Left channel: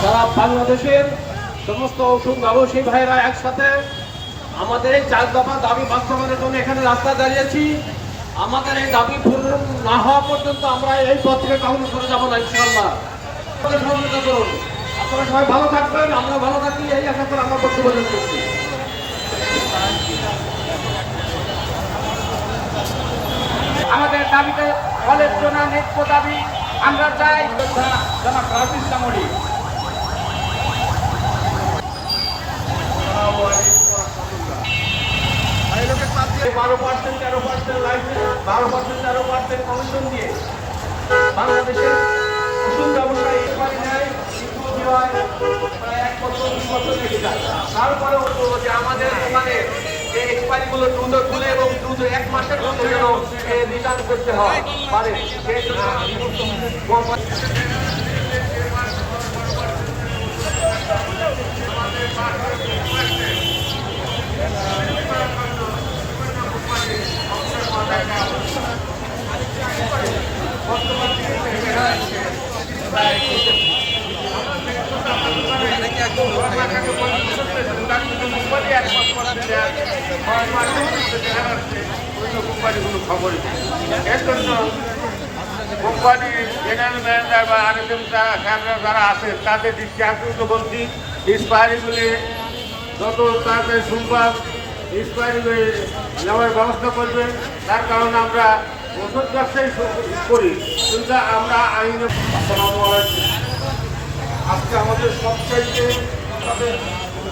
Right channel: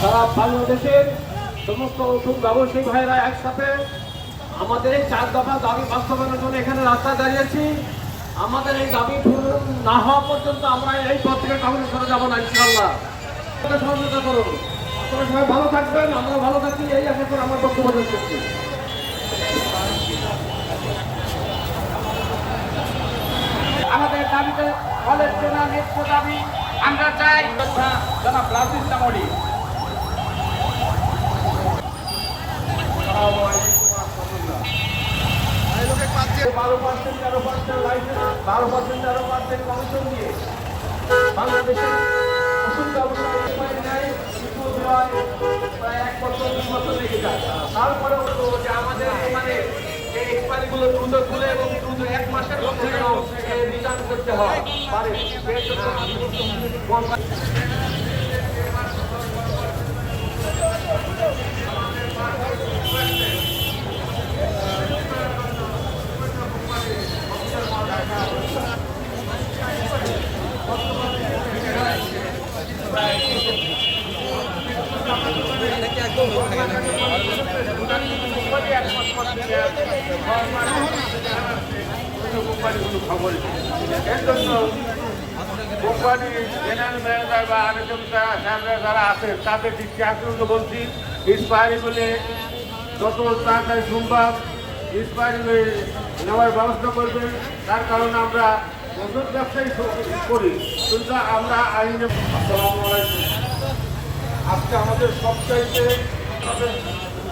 সারা বাংলাদেশের সমস্ত ওষুধ ব্যবসায়ী ভাইরা একসাথে আমাদের এই 4 দফা দাবি বাস্তবায়নের জন্য এখানে রাস্তায় দাঁড়িয়েছি। আমাদের এই দাবি পূরণ না হওয়া পর্যন্ত আমরা এই পথ থেকে কখনো সরে যাবো না ইনশাআল্লাহ। সহযোগিতা করুন, আপনারা সবাই ভালো থাকবেন, আমরা ভালো থাকি, এই আশা করে আমরা বক্তব্য শেষ করছি। আমাদের দাবিতে কলেজ জোনা ন্যায্য দাবি আমরা চাই। বাংলাদেশের ওষুধ ব্যবসায়ী তারপরেও যে আমাদের দোকানে এই এক্সপায়ারি গুলো দ্রুত খুলে এবং দ্রুত 1 মাসের মধ্যে যেন রিটার্ন করতে হয় পারে সেই জন্য খবর এর জন্য কোম্পানির জেনারেল ম্যানেজার বা আরএসএম সাহেবরা যারা আছেন তাদের দৃষ্টি আকর্ষণ বলছি, এক্সপায়ারিগুলি যত তাড়াতাড়ি সম্ভব এক্সপায়ারি নেওয়ার ব্যবস্থা করবেন। তার কারণে আমরা ওষুধ ব্যবসায়ী করি, কিন্তু আমরা আইনে। আসসালামু আলাইকুম। আজকে আমাদের সবচাইতে তাদের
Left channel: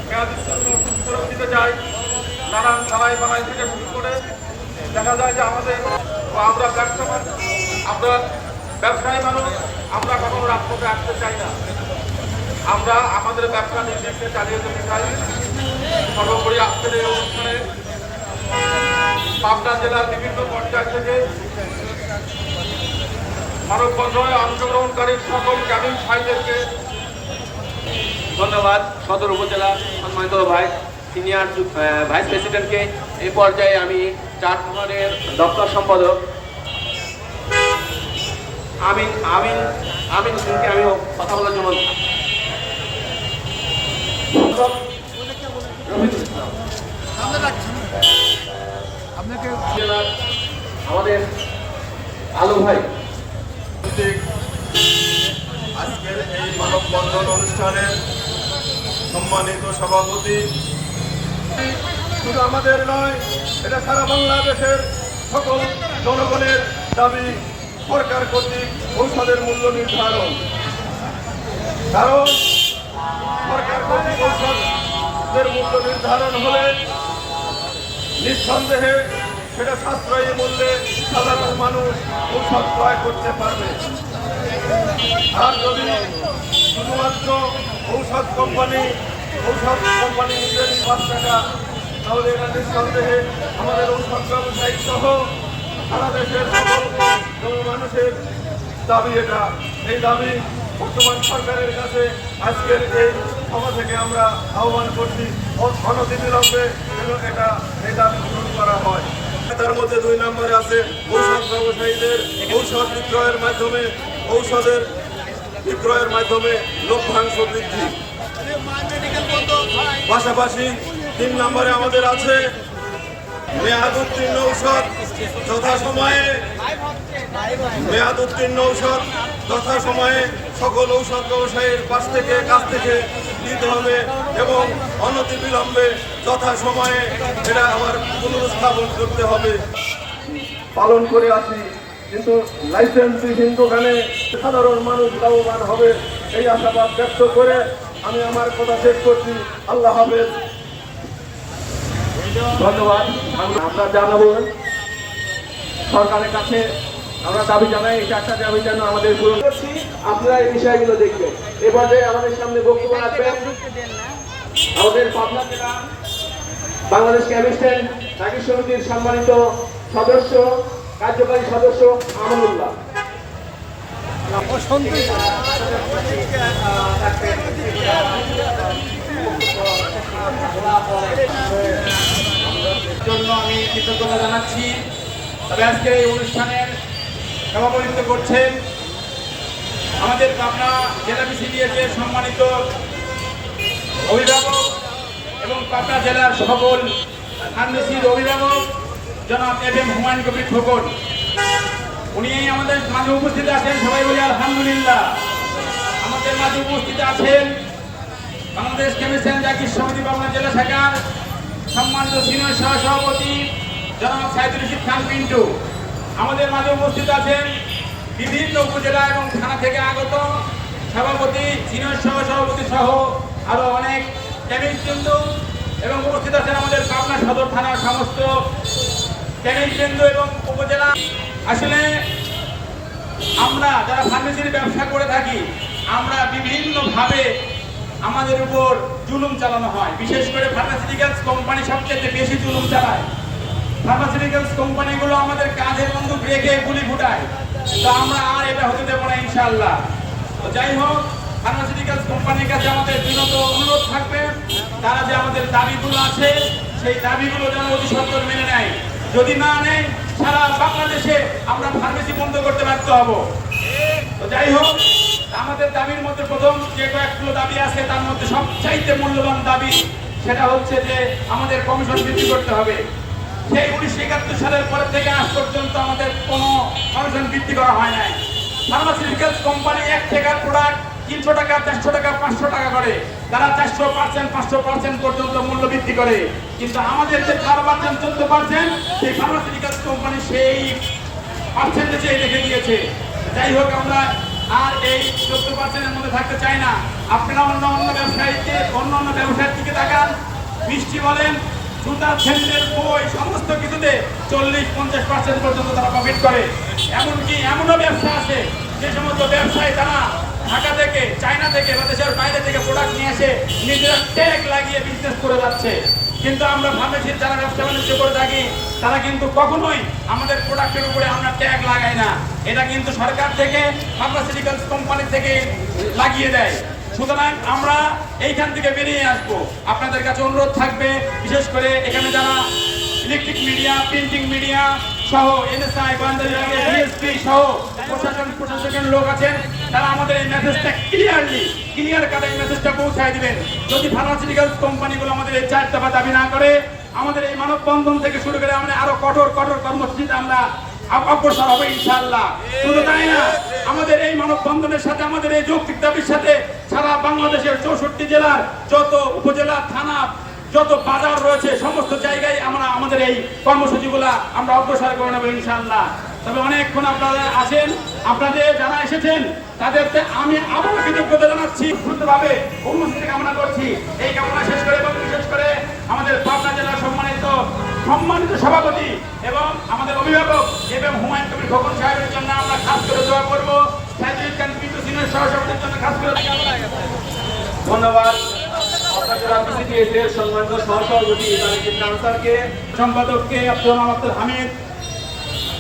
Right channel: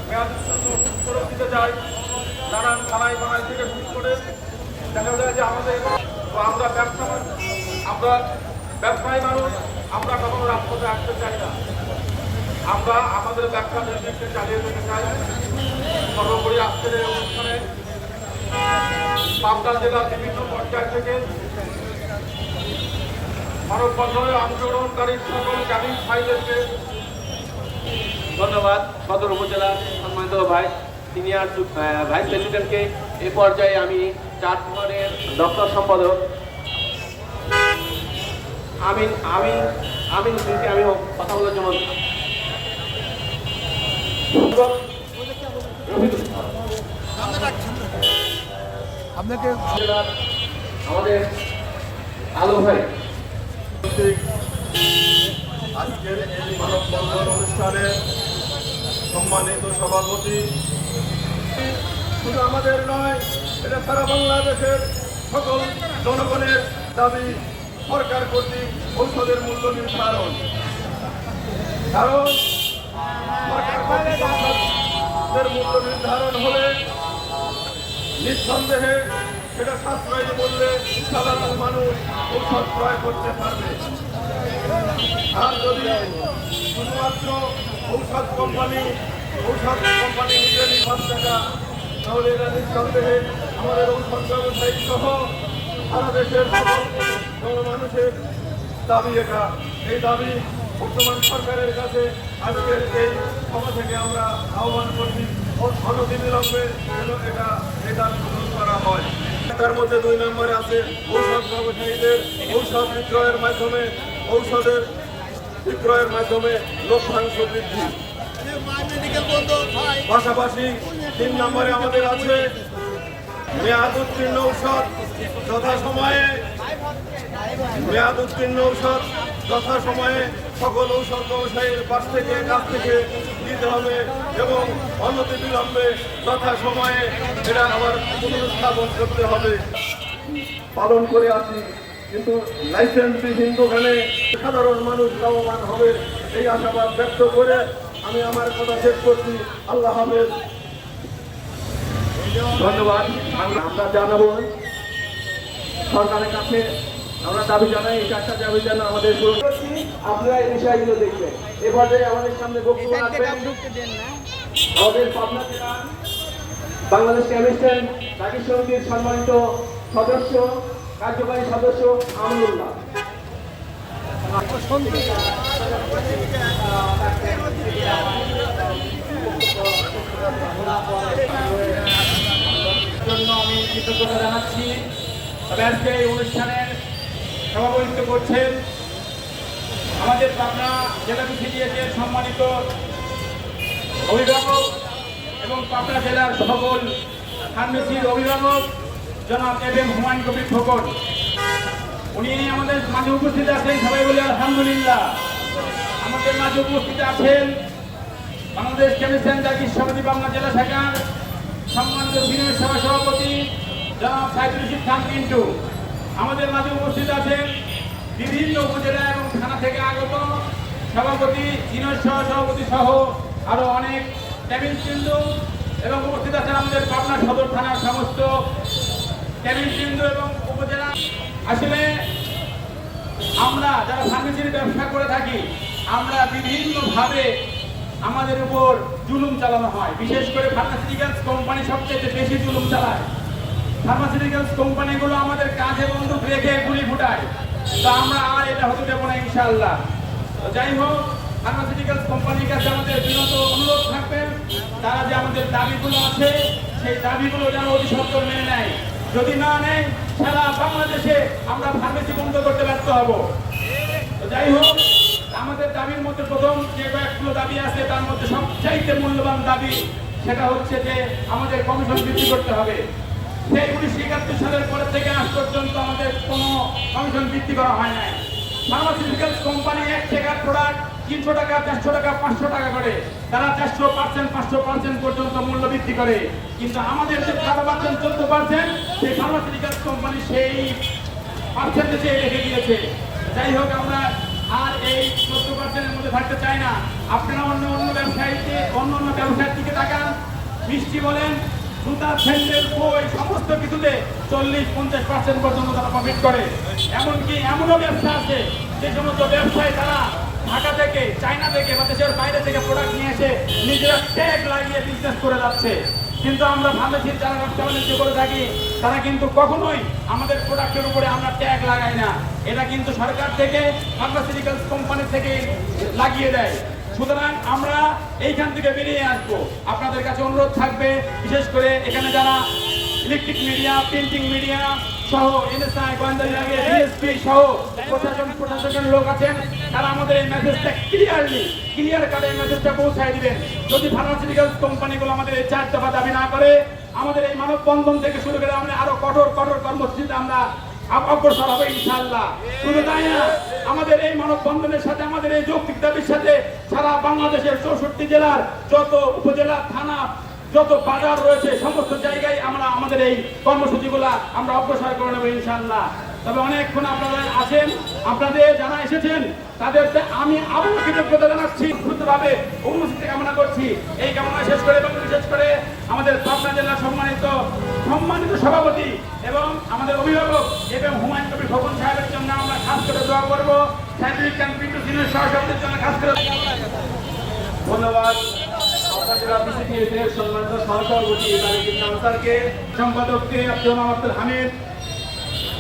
মেয়াদোত্তীর্ণ ওষুধ ফেরত দিতে যাই, নানান থানায় বানাই থেকে শুরু করে দেখা যায় যে আমরা ব্যবসায়ী মানুষ, আমরা কখনো রাজপথে আসতে চাই না। আমরা আমাদের ব্যবসা নির্দিষ্ট চালিয়ে যেতে চাই। সর্বোপরি আজকের এই অনুষ্ঠানে পাবনা জেলার বিভিন্ন পর্যায় থেকে মানববন্ধনে অংশগ্রহণকারী সকল ক্যাবিন ভাইদেরকে ধন্যবাদ। সদর উপজেলা সম্মানিত সিনিয়র ভাইস প্রেসিডেন্টকে এই পর্যায়ে আমি 4 নম্বরের দপ্তর সম্পাদক আমিন হোসেনকে আমি কথা বলার জন্য আমাদের আলো ভাই। আজকের এই মানববন্ধন অনুষ্ঠানের সম্মানিত সভাপতি, শুধু আমাদের নয়, এটা সারা বাংলাদেশের সকল জনগণের দাবি সরকার কর্তৃক ঔষধের মূল্য নির্ধারণ। কারণ সরকার কর্তৃক ঔষধের মূল্য নির্ধারণ হলে নিঃসন্দেহে সেটা সাশ্রয়ী মূল্যে সাধারণ মানুষ ঔষধ ক্রয় করতে পারবে। আর যদি শুধুমাত্র ঔষধ কোম্পানি নিজে নির্ভর টাকা, তাহলে এটা নিঃসন্দেহে আমাদের ঔষধ ব্যবসায়ী সহ সারা দেশের মানুষের দাবি এটা। এই দাবি বর্তমান সরকারের কাছে আজকের এই সভা থেকে আমরা আহ্বান করছি, অনতিবিলম্বে এই দাবি পূরণ করা হয়। তার মধ্যে 2 নম্বরে আছে ঔষধ ব্যবসায়ীদের ঔষধ বিক্রয়ের মাধ্যমে লভ্যাংশ বৃদ্ধি। পাশাপাশি 3 নম্বরে আমাদের আছে মেয়াদ উত্তীর্ণ ঔষধ যথাসময়ে সকল ঔষধ ব্যবসায়ীর কাছ থেকে দিতে হবে এবং অনতিবিলম্বে যথাসময়ে এটা আবার পুনরুস্থাপন করতে হবে। পালন করে আছি, কিন্তু লাইসেন্সবিহীন দোকানে সাধারণ মানুষ লাভবান হবে এই আশাবাদ ব্যক্ত করে আমি আমার কথা শেষ করছি। আল্লাহ হাফেজ। ধন্যবাদ। আমরা জানাবো সরকারের কাছে, আমরা দাবি জানাই এই 4টা দাবি যেন আমাদের পূরণ করছি। আপনারা এই বিষয়গুলো দেখবেন। এবারে আমাদের সামনে বক্তব্য রাখবেন আমাদের পাবনা জেলা বাংলাদেশ কেমিস্ট্রি রাগী সমিতির সম্মানিত সদস্য, কার্যকারী সদস্য আমানুল্লাহ। জন্য আমি কৃতজ্ঞতা জানাচ্ছি। তবে আজকের এই অনুষ্ঠানের সভাপতিত্ব করছেন আমাদের পাবনা জেলা বিসিডিএস এর সম্মানিত অভিভাবক এবং পাবনা জেলার সকল ফার্মেসির অভিভাবক জনাব এম হুমায়ুন কবির খোকন, উনি আমাদের মাঝে উপস্থিত আছেন। সবাই বলি আলহামদুলিল্লাহ। আমাদের মাঝে উপস্থিত আছেন বাংলাদেশ কেমিস্ট অ্যান্ড ড্রাগস সমিতি পাবনা জেলা শাখার সম্মানিত সিনিয়র সহসভাপতি জনাব সাইদুল রশিদ খান পিন্টু। আমাদের মাঝে উপস্থিত আছেন বিভিন্ন উপজেলা এবং থানা থেকে আগত সভাপতি, সিনিয়র সহসভাপতি সহ আরো অনেক কেমিস্টবৃন্দ, এবং উপস্থিত আছেন আমাদের পাবনা সদর থানার সমস্ত কেমিস্টবৃন্দ এবং উপজেলা। আসলে আমরা যারা ফার্মেসির ব্যবসা করে থাকি, আমরা বিভিন্নভাবে আমাদের উপর জুলুম চালানো হয়। বিশেষ করে ফার্মাসিউটিক্যালস কোম্পানি সবচেয়ে বেশি জুলুম চালায়। ফার্মাসিউটিক্যালস কোম্পানিগুলো আমাদের কাঁধে বন্দুক রেখে গুলি ফুটায়। তো আমরা আর এটা হতে দেবো না ইনশাআল্লাহ। তো যাই হোক, ফার্মাসিউটিক্যালস কোম্পানির কাছে আমাদের বিনত অনুরোধ থাকবে, তারা যে আমাদের দাবিগুলো আছে সেই দাবিগুলো যেন অতি সত্বর মেনে নেয়। যদি না নেয়, সারা বাংলাদেশে আমরা ফার্মেসি বন্ধ করতে ব্যর্থ হব। তো যাই হোক, আমাদের দাবির মধ্যে প্রথম যে কয়েকগুলো দাবি আছে তার মধ্যে সবচাইতে মূল্যবান দাবি সেটা হচ্ছে যে আমাদের কমিশন বৃদ্ধি করতে হবে। সেই 1971 সালের পরে থেকে আজ পর্যন্ত আমাদের কোনো কমিশন বৃদ্ধি করা হয় নাই। ফার্মাসিউটিক্যালস কোম্পানি 1 টাকার প্রোডাক্ট 300 টাকা, 400 টাকা, 500 টাকা করে, তারা 400%, 500% পর্যন্ত মূল্য বৃদ্ধি করে। কিন্তু আমাদের যে 12%, 14% সেই ফার্মাসিউটিক্যালস কোম্পানি সেই পার্সেন্টেজে রেখে দিয়েছে। যাই হোক, আমরা আর এই 14%-এর মধ্যে থাকতে চাই না। আপনারা অন্য ব্যবসায়ীর দিকে তাকান, মিষ্টি বলেন, জুতা, স্যান্ডেল, বই, সমস্ত কিছুতে 40-50% পর্যন্ত তারা প্রফিট করে। এমনকি এমনও ব্যবসা আছে যে সমস্ত ব্যবসায়ী তারা ঢাকা থেকে, চায়না থেকে বা দেশের বাইরে থেকে প্রোডাক্ট নিয়ে এসে নিজেরা ট্যাগ লাগিয়ে বিজনেস করে যাচ্ছে। কিন্তু আমরা ফার্মেসির যারা ব্যবসা বাণিজ্য করে থাকি তারা কিন্তু কখনোই আমাদের প্রোডাক্টের উপরে আমরা ট্যাগ লাগাই না। এটা কিন্তু সরকার থেকে, ফার্মাসিউটিক্যালস কোম্পানি থেকে লাগিয়ে দেয়। সুতরাং আমরা এইখান থেকে বেরিয়ে আসবো। আপনাদের কাছে অনুরোধ থাকবে, বিশেষ করে এখানে যারা ইলেকট্রিক মিডিয়া, প্রিন্টিং মিডিয়া সহ এনএসআই, গোয়েন্দা বিভাগে ডিএসপি সহ প্রশাসনের লোক আছেন, তারা আমাদের এই মেসেজটা ক্লিয়ার কাটে এই মেসেজটা পৌঁছায় দিবেন। যদি ফার্মাসিউটিক্যালস কোম্পানিগুলো আমাদের এই 4 দফা দাবি না করে, আমাদের এই মানববন্ধন থেকে শুরু করে আমরা আরো কঠোর কর্মসূচিতে আমরা অগ্রসর হবে ইনশাআল্লাহ। শুধু তাই না, আমাদের এই মানববন্ধনের সাথে, আমাদের এই যৌক্তিক দাবির সাথে সারা বাংলাদেশের 64 জেলার যত উপজেলা, থানা, যত বাজার রয়েছে সমস্ত জায়গায় আমরা আমাদের এই কর্মসূচিগুলা আমরা অগ্রসর করে নেব ইনশাআল্লাহ। তবে অনেকক্ষণ আপনারা আছেন, আপনাদের যারা এসেছেন তাদেরকে আমি আবারও কৃতজ্ঞতা জানাচ্ছি, দ্রুতভাবে উপস্থিতি কামনা করছি। এই কামনা শেষ করে এবং বিশেষ করে আমাদের পাবনা জেলার সম্মানিত সভাপতি এবং আমাদের অভিভাবক এম হুমায়ুন কবির খোকন সাহেবের জন্য আমরা খাস করে দোয়া করবো। সাইদুল খান পিন্টু সিনিয়র সহসভাপতির জন্য খাস করে ধন্যবাদ। সম্মানিত সহসভাপতি আনসারকে, সম্পাদককে আব্দুল হামিদ।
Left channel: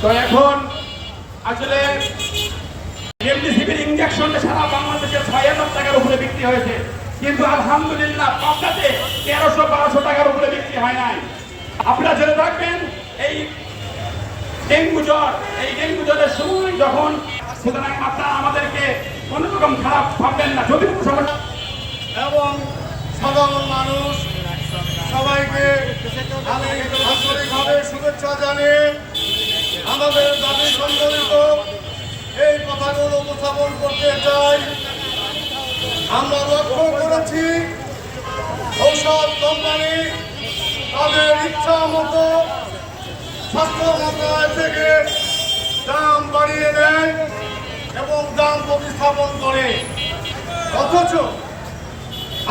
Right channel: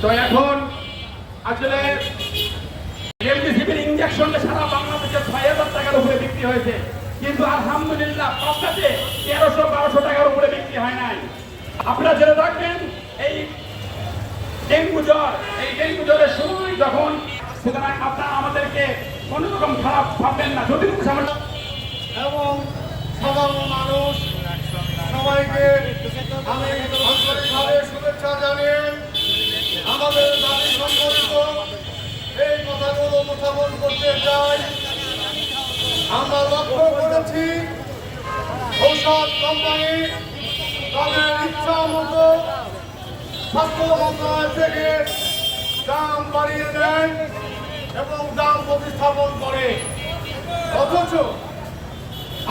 তো এখন আসলে রেমডেসিভির ইনজেকশনটা সারা বাংলাদেশে 6,000 টাকার উপরে বিক্রি হয়েছে, কিন্তু আলহামদুলিল্লাহ পাবনাতে 1300-1200 টাকার উপরে বিক্রি হয় নাই। আপনারা জেনে থাকবেন এই ডেঙ্গু জ্বরের সময় যখন, সুতরাং আপনারা আমাদেরকে কোনো রকম খারাপ ভাববেন না। যদি কোনো সমস্যা এবং সাধারণ মানুষ সবাইকে আমি আন্তরিকভাবে শুভেচ্ছা জানিয়ে আমাদের দাবি সম্বলিত এই কথাগুলো উপস্থাপন করতে চাই। আমরা লক্ষ্য করেছি ঔষধ কোম্পানি তাদের ইচ্ছা মতো স্বাস্থ্য মন্ত্রণালয় থেকে দাম বাড়িয়ে দেয় এবং দাম প্রতিস্থাপন করে, অথচ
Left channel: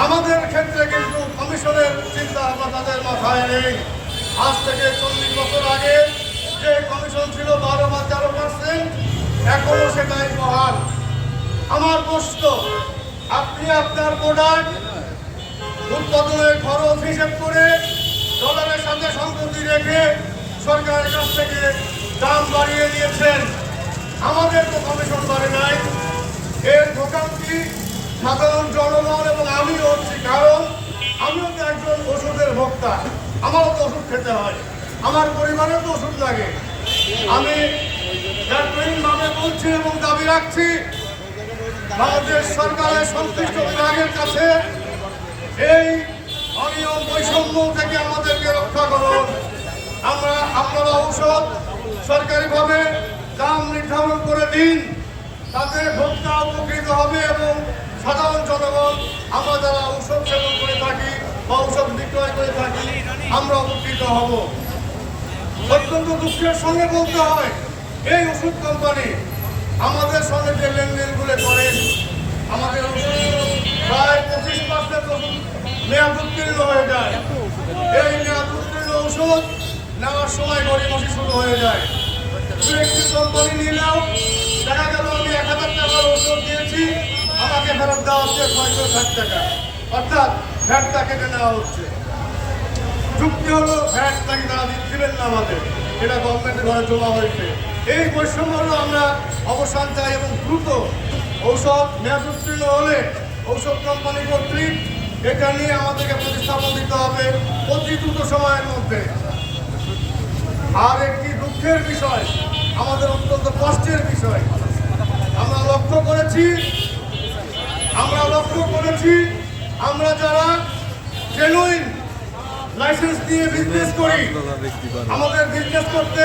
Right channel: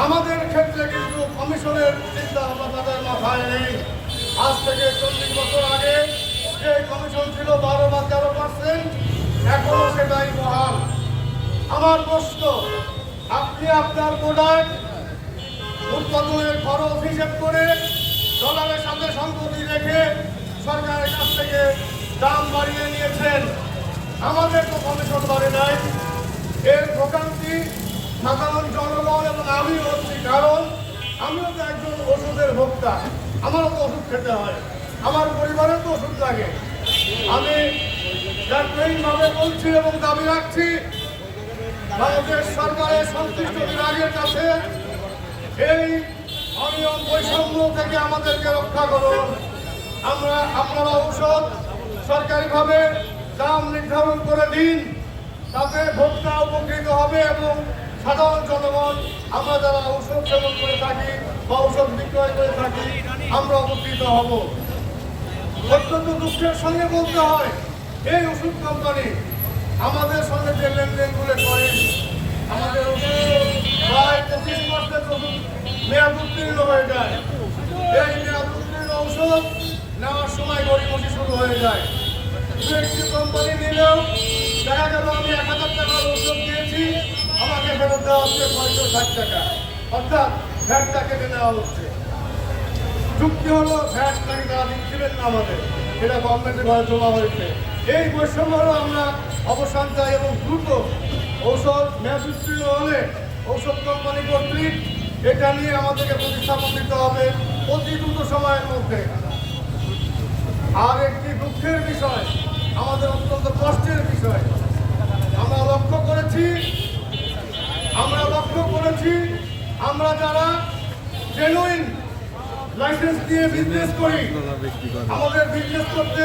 আমাদের ক্ষেত্রে কিন্তু কমিশনের চিন্তা ভাবনা তাদের মাথায় নেই। আজ থেকে 40 বছর আগে যে কমিশন ছিল 12 বা 13%, এখনো সেটাই বহাল। আমার প্রশ্ন, আপনি আপনার প্রোডাক্ট উৎপাদনের খরচ হিসেব করে ডলারের সাথে সংগতি রেখে সরকারের কাছ থেকে দাম বাড়িয়ে নিয়েছেন, আমাদের তো কমিশন বাড়ে নাই। এর ভোগান্তি সাধারণ জনগণ এবং আমিও হচ্ছি, কারণ আমিও তো একজন ওষুধের ভোক্তা, আমারও তো ওষুধ খেতে হয়, আমার পরিবারেও তো ওষুধ লাগে। আমি ভাবে বলছি এবং দাবি রাখছি, বাংলাদেশ সরকারের সংশ্লিষ্ট বিভাগের কাছে এই অনিয়ম বৈষম্য থেকে আমাদেরকে রক্ষা করুন। আপনারা ঔষধ সরকারিভাবে দাম নির্ধারণ করে দিন, তাতে ভোক্তা উপকৃত হবে এবং সাধারণ জনগণ আমরা যারা ঔষধ সেবন করে থাকি বা ঔষধ বিক্রয় করে থাকি আমরা উপকৃত হব। অত্যন্ত দুঃখের সঙ্গে বলতে হয়, এই ওষুধ কোম্পানি আমাদের সঙ্গে যে লেনদেনগুলো করেন, আমাদের ওষুধ প্রায় 25% ওষুধ মেয়াদ উত্তীর্ণ হয়ে যায়। এই মেয়াদ উত্তীর্ণ ওষুধ নেওয়ার সময় গড়িমসি শুরু হয়ে যায়। একটি কোম্পানি নিলেও দেখা গেল আমি 1000 টাকার ওষুধ দিয়েছি, আমাকে ফেরত দেওয়া হচ্ছে 560 টাকা, অর্থাৎ ভ্যাটটা কেটে নেওয়া হচ্ছে। যুক্তি হলো ভ্যাট নাকি তারা দিবেন না আমাদের, এটা গভর্নমেন্টের ঘরে জমা হয়েছে। এই বৈষম্যেরও আমরা অবসান চাই এবং দ্রুত ঔষধ মেয়াদ উত্তীর্ণ হলে ঔষধ কোম্পানি কর্তৃক এটা নিয়ে আমাদেরকে প্রতিস্থাপন দিতে হবে অতি দ্রুত সময়ের মধ্যে। আর একটি দুঃখের বিষয়, আমাদের অত্যন্ত কষ্টের বিষয়, আমরা লক্ষ্য করেছি আমরা যারা জেনুইন লাইসেন্স দিয়ে বিজনেস করি, আমাদের বিজনেস করতে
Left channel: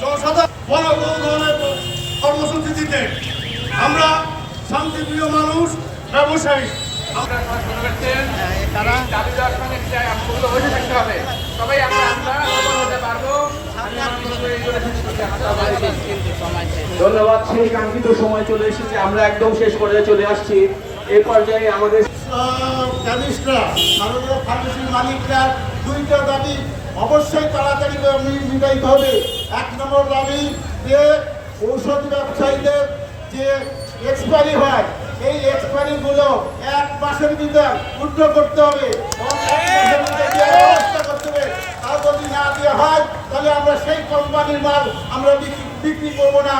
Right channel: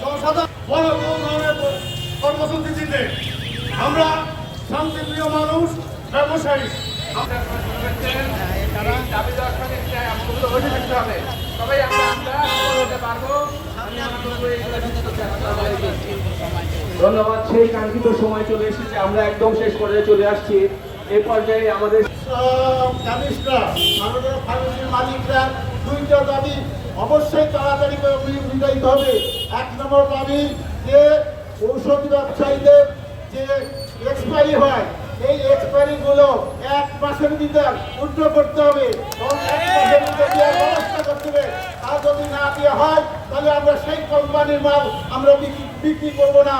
জনসাধারণ বড় কোনো ধরনের কর্মসূচি দিতে আমরা শান্তিপ্রিয় মানুষ, ব্যবসায়ী, আমরা শুরু করছেন দাবি দেওয়ার সঙ্গে পূর্ণ হয়ে থাকতে হবে, তবেই আমরা সফল হতে পারবো। ধন্যবাদ। সেই কাঙ্ক্ষিত সময় চলে এসেছে, আমরা একদম শেষ পর্যায়ে চলে আসছি। এই পর্যায়ে আমাদের কেমিস্টরা, মাননীয় ফার্মেসির মালিকরা দুইটা দাবি অবশ্যই তাড়াতাড়ি মিটাইতে হবে। 1 নম্বর দাবি যে ঔষধ ব্যবসায়ীদের যে এক্সপায়ারি হয়, এই এক্সপায়ারিগুলো 1 মাসের ভিতর উদ্ধ করতে হবে এবং 1 মাসের ভিতরে দেওয়ার ব্যবস্থা করতে হবে। আর যদি না দেওয়া হয় তাহলে আমরা সেই কোম্পানির মাল আমরা বিক্রি করবো না।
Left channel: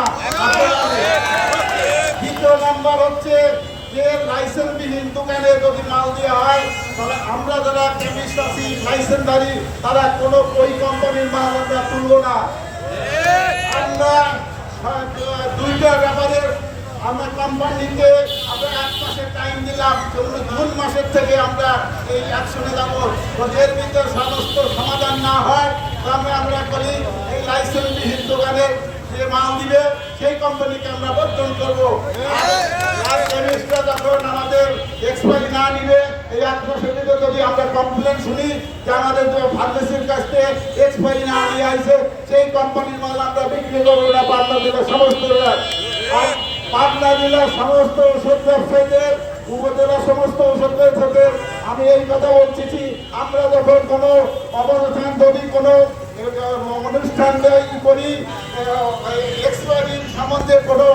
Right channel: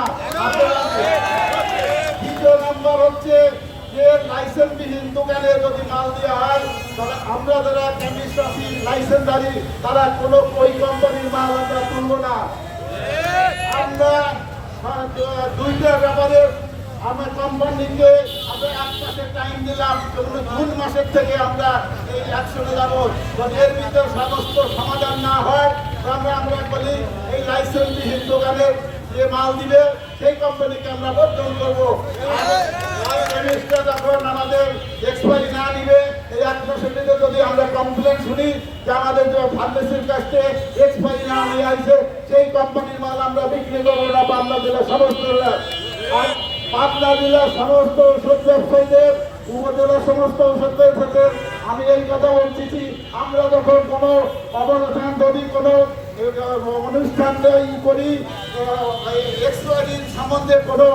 দ্বিতীয় নাম্বার হচ্ছে যে লাইসেন্সবিহীন দোকানে যদি মাল দেওয়া হয় তাহলে আমরা যারা কেমিস্ট আছি লাইসেন্সধারী তারা কোনো ওই কোম্পানির মাল আমরা তুলবো না। আমরা দুইটা ব্যাপারে আমরা কোম্পানিকে আমরা 1 মাসের টাইম দিলাম, জুন মাসের থেকে আমরা এই অ্যাকশনে যাবো। যদি এর ভিতরে সমস্ত সমাধান না হয় তাহলে আমরা বলি এই লাইসেন্সবিহীন দোকানে যে মাল দিবে সেই কোম্পানিকে আমরা বর্জন করবো। আর কেমিস্টরা যখন আমাদের এক্সপায়ারি না নিবে এই 1 মাসের ভিতরে যদি আমরা কমপ্লেন শুনি যে আমাদের ফার্মেসির কাছ থেকে এক্সপায়ারি না নিয়ে আসে সেই কোম্পানির মাল আমরা বিক্রি করবো না পাবনা জেলার সমস্ত আর পাবনা জেলার সমস্ত ওষুধ ব্যবসায়ীদের, উপজেলার সমস্ত ওষুধ ব্যবসায়ীদের আমি এই কথা বলছি, আমরা যখন কোনো অবস্থান যদি কোনো অনুষ্ঠান করি এক্সপায়ারির সম্বন্ধে কোনো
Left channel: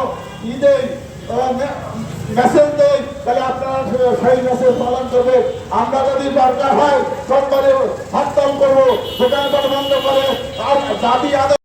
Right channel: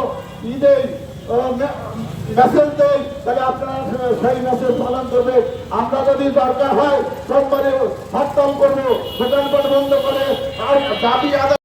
দেই মেসেজ দেই তাহলে আপনারা সেই মেসেজ পালন করবে। আমরা যদি দরকার হয় কোম্পানি হরতাল করবো, দোকানপাট বন্ধ করে আর দাবি আদায়